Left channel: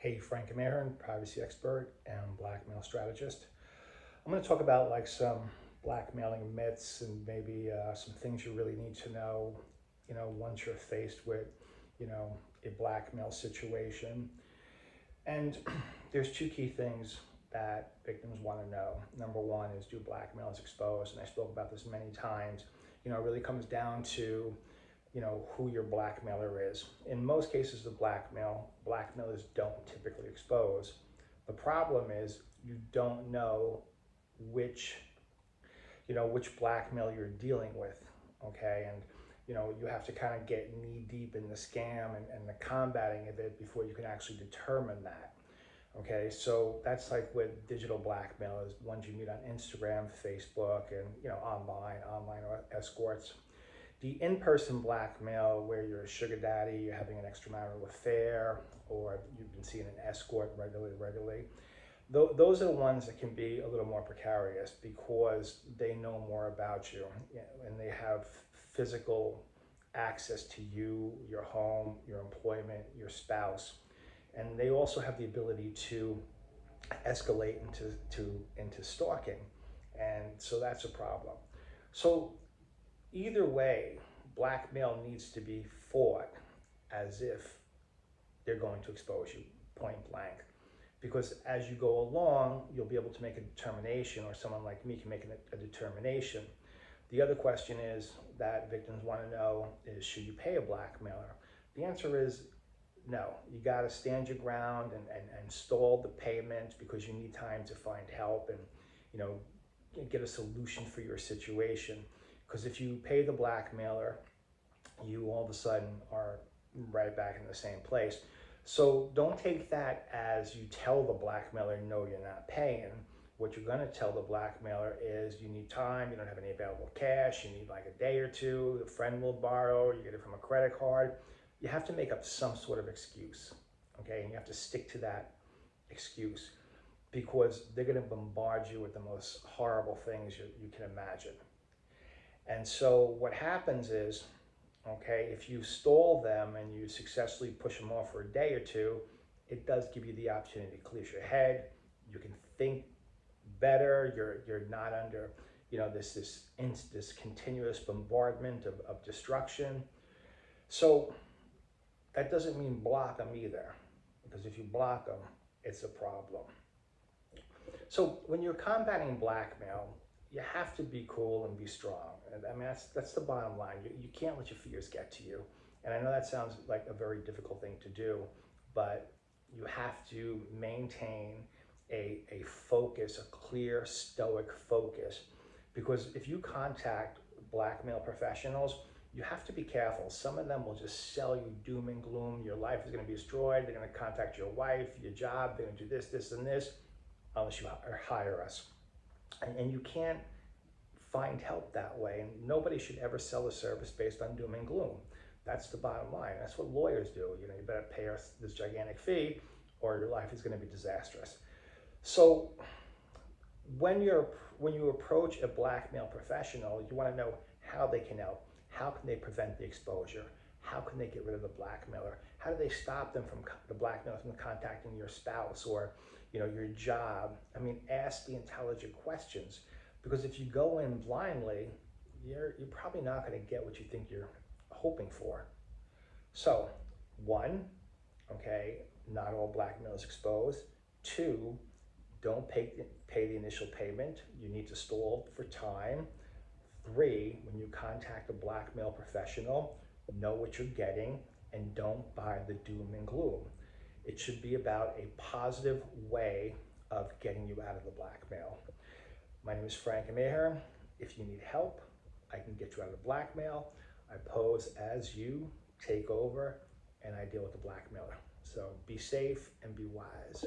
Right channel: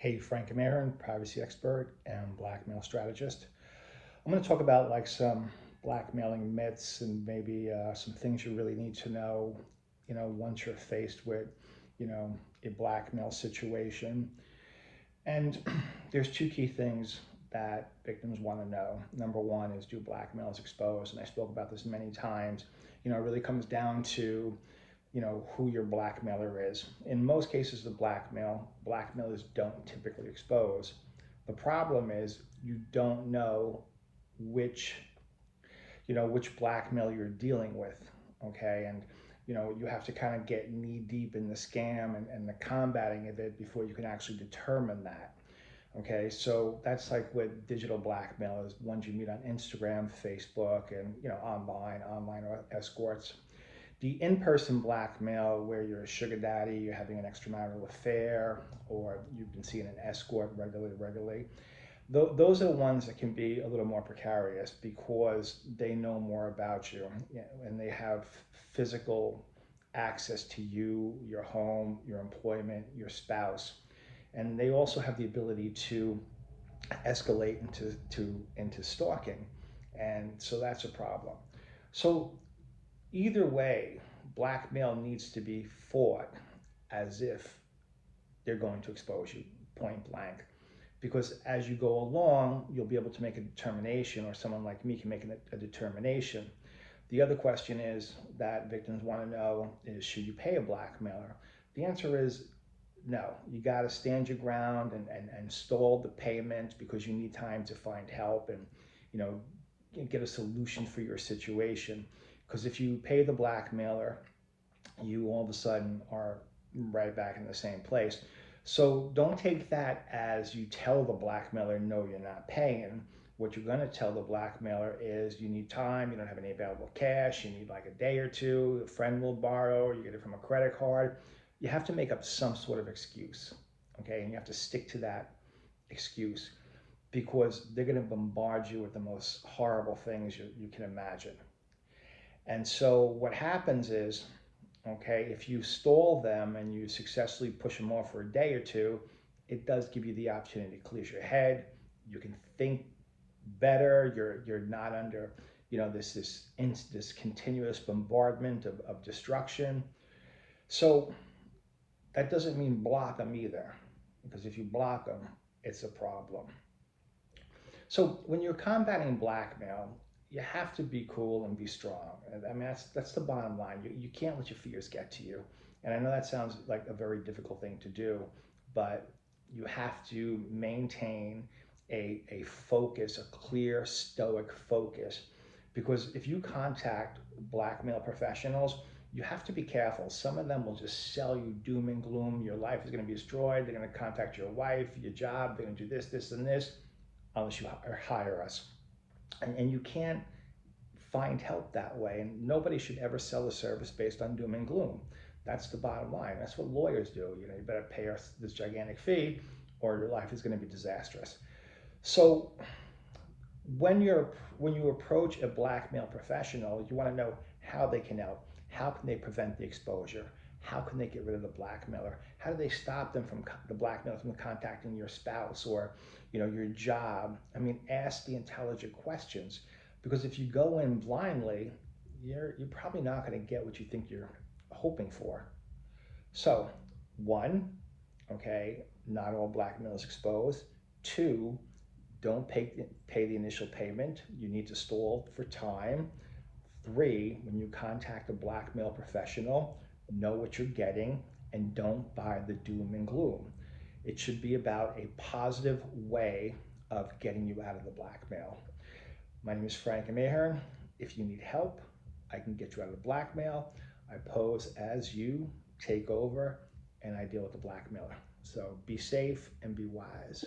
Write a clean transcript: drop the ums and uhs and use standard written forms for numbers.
Hey, Frank Ahearn, privacy expert and blackmail strategist. I'm going to talk about like some blackmailing myths and maybe some things you really need to know, once you're faced with, a blackmail situation. And there's two key things that victims want to know. Number one is, do blackmailers expose? And I spoke about this many times. It really comes down to who your blackmailer is. In most cases of blackmailers don't typically expose. The problem is you don't know which which blackmail you're dealing with. Okay, and you have to kind of get knee deep in the scam and the combating of it before you can actually determine that. Okay, so that's like with digital blackmailers, ones you meet on Instagram, Facebook, and online escorts. The in-person blackmail, where you're a sugar daddy, you're having an extramarital affair, or you've been seeing an escort regularly, those are the ones that can be a little more precarious because they know more about you, and they have physical access to you, your home, your employment, your spouse. And they also have the ability to escalate into stalking. And so that's a problem. So either way, blackmail needs to be fought as if they're going to expose you point blank. Because as you go along, you'll be able to make a determination, or someone like me can make a determination. The other question is that victims want to know is, should you pay a blackmailer? The answer is no. You got to stand your ground and stall the payment because you need time to find help and, you know, get a solution for your situation. Because if you pay the blackmailer, you all of a sudden are right back in the same place. So don't take that as you tell the blackmailer, no, you're not paying. What you're going to tell the blackmailer is you need time, you don't have any available cash, you need like a day or two, a friend will borrow, you get it from a credit card. You have to make up some sort of excuse, okay? And you have to stick to that excuse because they're going to bombard you with the most horrible things you can imagine. And so what happens is, okay, if you stall them and you successfully push them off for a day or two, it does give you the opportunity to clear your head. You can think better. You're not under, this continuous bombardment of destruction. So that doesn't mean block them either, because if you block them, it's a problem. So when you're combating blackmail, you have to be cool and be strong. I mean, that's the bottom line. You can't let your fears get to you. And I know that sounds like a very difficult thing to do, but you have to maintain a focus, a clear, stoic focus. Because if you contact blackmail professionals, you have to be careful. Some of them will just sell you doom and gloom. Your life is going to be destroyed. They're going to contact your wife, your job. They're going to do this, this, and this, unless you hire us. And you can't find help that way. And nobody should ever sell a service based on doom and gloom. That's the bottom line. That's what lawyers do. You better pay us this gigantic fee or your life is going to be disastrous. So when you approach a blackmail professional, you want to know how they can help. How can they prevent the exposure? How can they get rid of the blackmailer? How do they stop them from the blackmailer from contacting your spouse or your job? I mean, ask the intelligent questions, because if you go in blindly, you're probably not going to get what you think you're hoping for. So, one, okay, not all blackmail is exposed. Two, don't pay the initial payment. You need to stall for time. Three, when you contact a blackmail professional, know what you're getting and don't buy the doom and gloom. It should be about a positive way of getting you out of the blackmail. My name is Frank Ahearn. If you need help, I can get you out of the blackmail. I pose as you, take over, and I deal with the blackmailer. So be safe and be wise.